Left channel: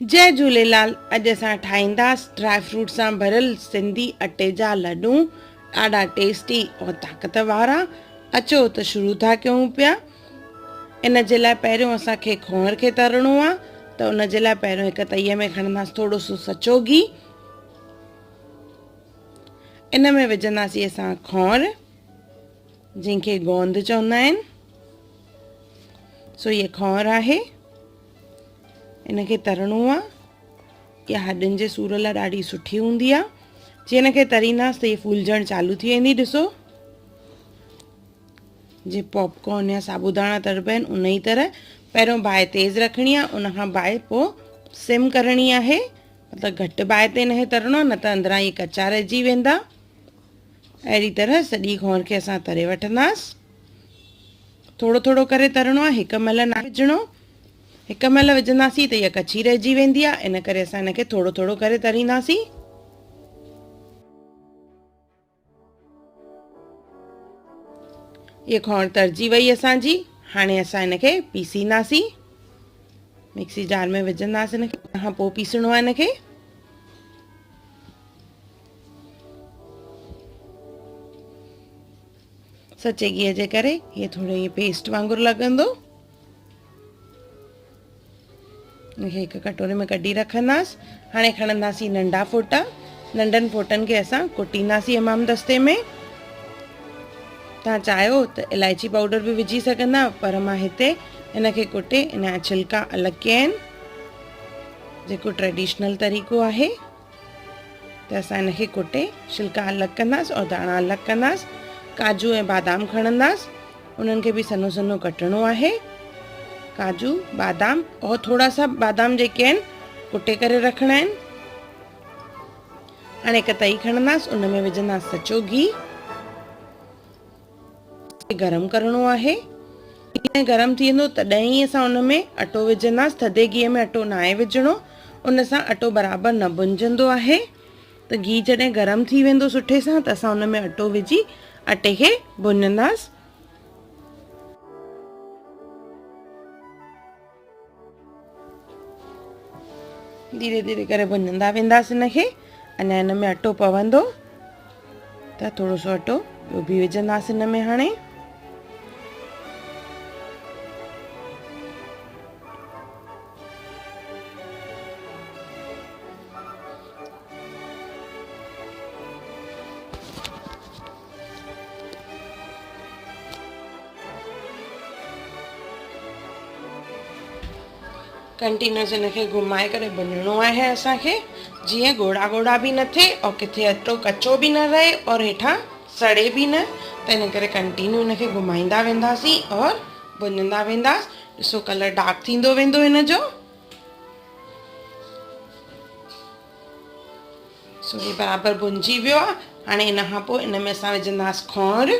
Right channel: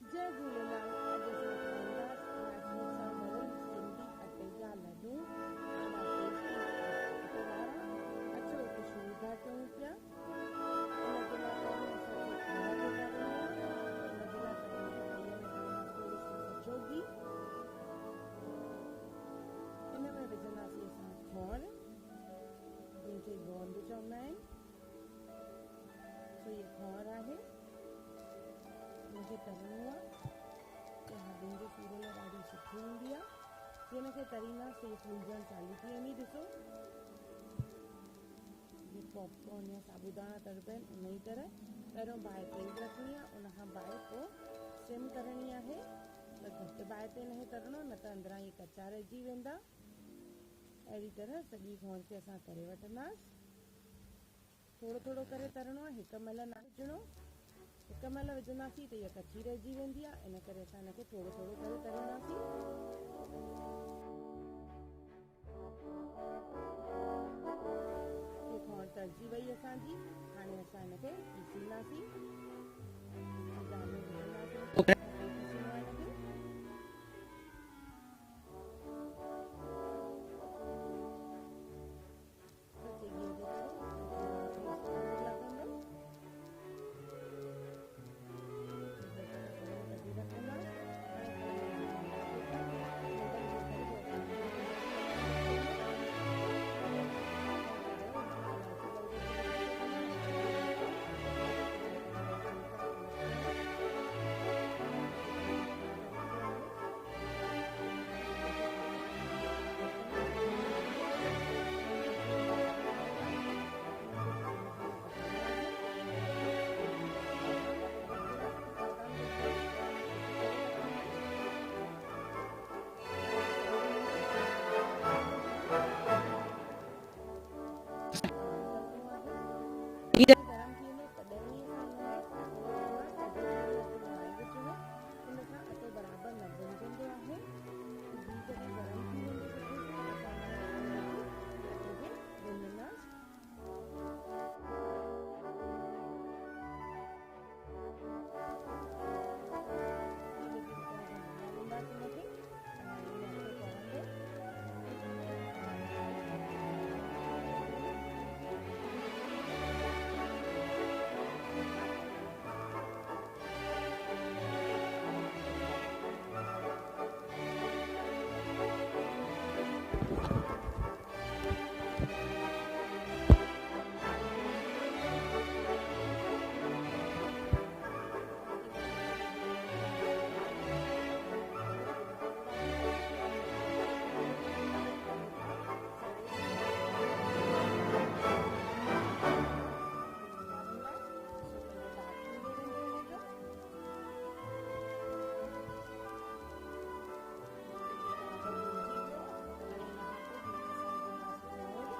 जय झूलेलाल। अॼु असां ठाहींदासीं ड्राई फ्रूट सां भरियल सिंधी अटे जा लॾूं, ॾाढा टेस्टी और ताक़त वारा। अचो त शुरू था कयूं पिया। इन जे लाइ पहिरियों असांखे खोण खे तरणो आहे, त उन जे लाइ पहिरियों हिकु तईअ में खणंदासीं थोरो सो सचो घी। इन में विझंदासीं असां खोण, जंहिंखे गोंद चवंदा आहिनि। सो इहे खोण आहे, इनखे तरणो आहे। इहा हॾियुनि जे सूर लाइ ॾाढी सुठी हूंदी आहे। जीअं हिनखे तरींदासीं त इहे फूलजणु चालू थी वेंदी। ॾिसो, जीअं पॉपकॉर्न या साबूदाणा तरबा आहिनि उन ई तरह पहिरियों बाहि तेज़ रखणी आहे, उनखां बाहि पोइ सिम करणी आहे। मतिलबु घटि बाहि ते हिनखे तरणो आहे, न त अंदरां इहे कचा रहिजी वेंदा। अहिड़ी तरह सॼी खोण खे असां तरे वठंदासीं। थोरो थोरो करे तरणो आहे, हिकु महिल न विझणो। हिकु महिल विझंदासीं त इहा कची रहिजी वेंदी आहे, इन करे असां हिनखे थोरो थोरो करे तरींदासीं। इहा खोण तरजी वई असांजी। हाणे असां हिनखे पीसींदासीं। मिक्सी जार में विझंदासीं हिनखे, उन खां पोइ पीसणो आहे हिनखे। सचे घीअ जे करे इहे थोरो इहे पेस्ट वांगुरु लॻंदो। हिनखे हिकु कटोरे में कढी रखंदासीं। हाणे खणंदासीं नंढा फोटा। नंढनि फोटनि खे असां कुटींदासीं हमाम दस्ते में। तव्हां चाहियो त इलायची पाउडर बि विझी सघंदा, पर मां हिते हिनखे कुटे इन जा छिलका अलॻि कया आहिनि, जेको ट्रेडिशनल तरीक़ो आहे। त असां हिनखे कुटे छिलका अलॻि कंदासीं और दाणा अलॻि कंदासीं। काजू ऐं बादाम खणंदासीं, उन्हनि खे बि सन्हो सन्हो कटणो आहे। काजू, बादाम और थोरा सा बादाम जेके आहिनि कुटे करे रखणा आहिनि। हाणे हिकु तई खणंदासीं, उन में विझंदासीं सचो घी। गरम करणो आहे। घी जॾहिं गरम थी वेंदो तॾहिं ई असां उन में अटो विझंदासीं। थधे घीअ में अटो न आहे विझणो, उन सां अटो बराबरि न भुंजंदो आहे। त घी जॾहिं गरम थी वेंदो सुठे सां त असां उन में अटो विझी अटे खे भुञंदासीं। धीरे धीरे करे भुञंदा वेंदासीं हिनखे। अञा हिन में अटो पवंदो त थोरो सो अटो ॿियो बि विझंदासीं हिन में। हाणे कंटिन्यूस हिनखे घुमाए करे भुञणो आहे असांखे, जीअं ॻोड़ा ॻोड़ा बि न थिए और किथे अटो कचो बि न रहे और हेठां सड़े बि न। त इन करे कंटिन्यू हिनखे घुमाईंदा वेंदासीं और भुञंदा वेंदासीं। ॾिसो, कलर डार्क थींदो वेंदो हिन जो। सो ही बराबरि भुंजी वियो आहे। हाणे इन खां पोइ इन में असां विझंदासीं खोण,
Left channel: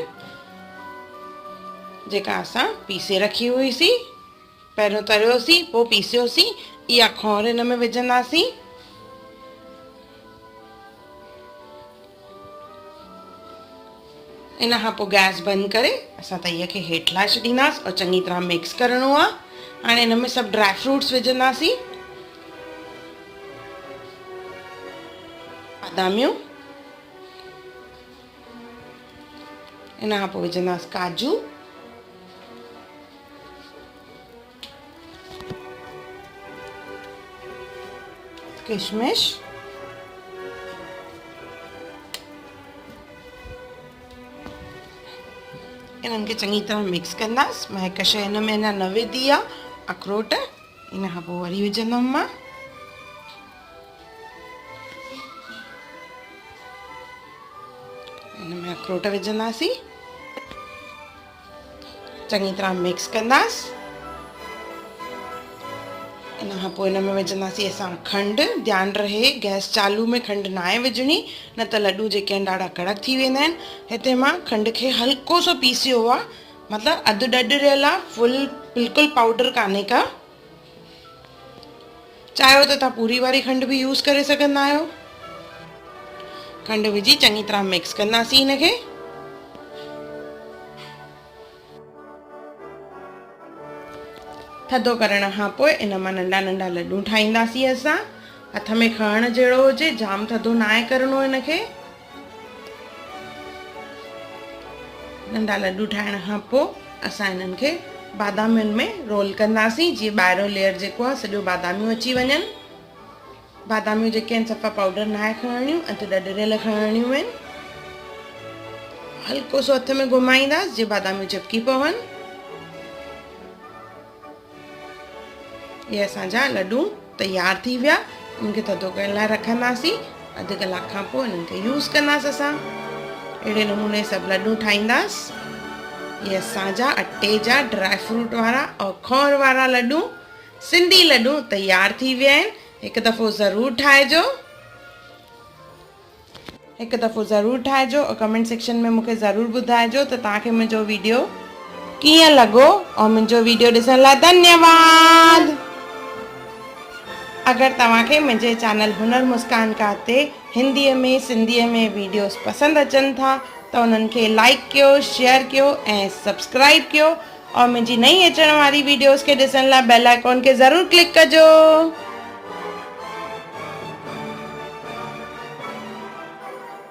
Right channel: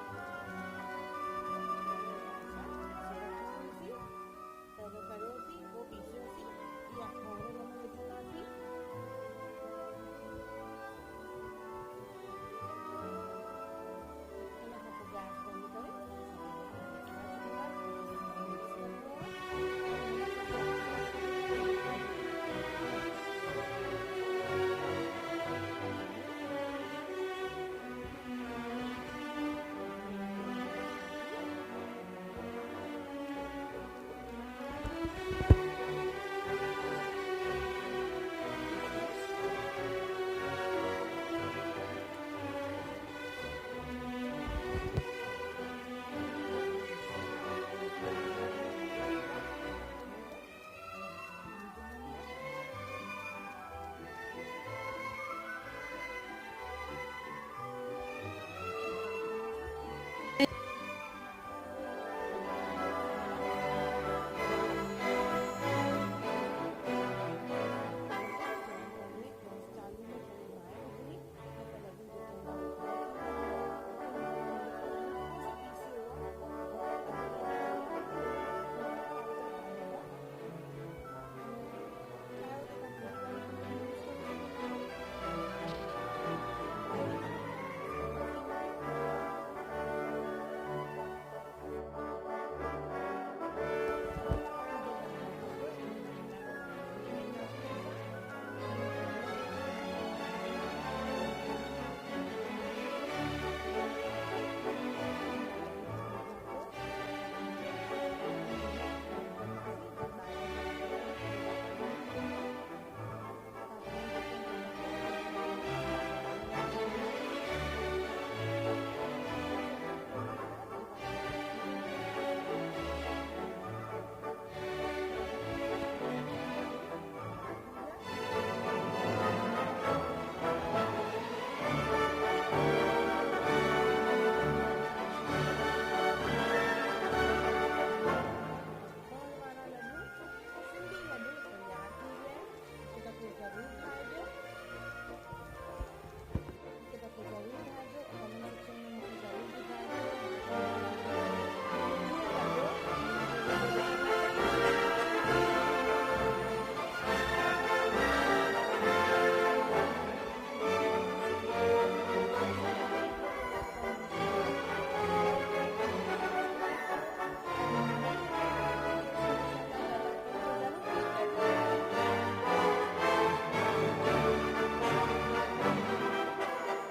जेका असां पीसे रखी हुईसीं। पहिरियों तरियोसीं पोइ पीसियोसीं। इहा खोण हिन में विझंदासीं। इन खां पोइ गैस बंदि करे असां तईअ खे हेठि लाइ छॾींदासीं और चङी तरह मिक्स करणो आहे। हाणे हिन में सभु ड्राई फ्रूट्स विझंदासीं। बादामियूं, इन खां पोइ विझंदासीं काजू, किशमिश, इन्हनि खे चङी तरह मिक्स कंदासीं। मां हिकु शइ हिन में अञा न विधी आहे, अखरोट। इन खां पोइ वरी विझंदमि मां। इन में अखरोट विझंदासीं, चङी तरह मिक्स कंदासीं। इन खां पोइ हिन में विझंदासीं असां खंडु। ध्यानु रहे गैस चालू में खंडु न आहे विझणी, न त लॾूं जेके आहिनि ॾाढा कड़क थी वेंदा आहिनि। हिते मां खंड खे हल्को सो पीसियो आहे, मतिलबु अधु ॾॾरियल आहे, फुल बिल्कुलु पाउडर कान्हे का। चाहियो त तव्हां पूरी वारी खंड बि यूज़ करे सघंदा आहियो। खंडु विझी चङी तरह मिक्स कंदासीं हिनखे। थधो करण खां पोइ इन मां नंढा नंढा लॾूं ठाहींदासीं असां। हथ में खणण जहिड़ो हुजे, जाम थधो न आहे करिणो हिनखे। नंढा लॾूं ठाहिण खां पोइ असां हिननि खे बादामियुनि में रोल कंदासीं, जीअं ॿाहिरों लेयर जेको आहे सॼो बादामियूं अची वञनि। बादामियूं जेके आहिनि सफ़ा पाउडर न आहे खणणियूं, अधु ॾडरियल खणणियूं आहिनि। हल्को सो हथ में घुमाईंदासीं जीअं बादामियूं चिपकी पवनि। ये असांजा लॾूं तयार थी विया। इनखे थधो करण लाइ रखंदासीं। अधु कलाक खां पोइ इन्हनि खे यूज़ कंदासीं असां। अहिड़े नमूने सभु लॾूं ठाहींदासीं। ये असांजा अटे जा ड्राई फ्रूट वारा और खौर वारा लॾूं, सिंधी लॾूं तयार थी विया आहिनि। हिकु दफ़ो ज़रूरु ठाहिजो। हिकु दफ़ो ज़रूरु ठाहिजो और कमेंट सेक्शन में मूंखे ज़रूरु ॿुधाइजो त तव्हांखे मुंहिंजो वीडियो कीअं लॻो। और मुंहिंजो वीडियो ॾिसण लाइ धन्यवाद। अगर तव्हांखे मुंहिंजे चैनल हुनर मुस्कान का ते हिंदीअ में सिंधीअ में वीडियोस पसंदि अचनि था त उन्हनि खे लाइक कयो, शेयर कयो ऐं सब्सक्राइब कयो। और मुंहिंजी नई अचण वारी वीडियोस खे ॾिसण लाइ बेल आइकॉन खे ज़रूरु क्लिक कजो।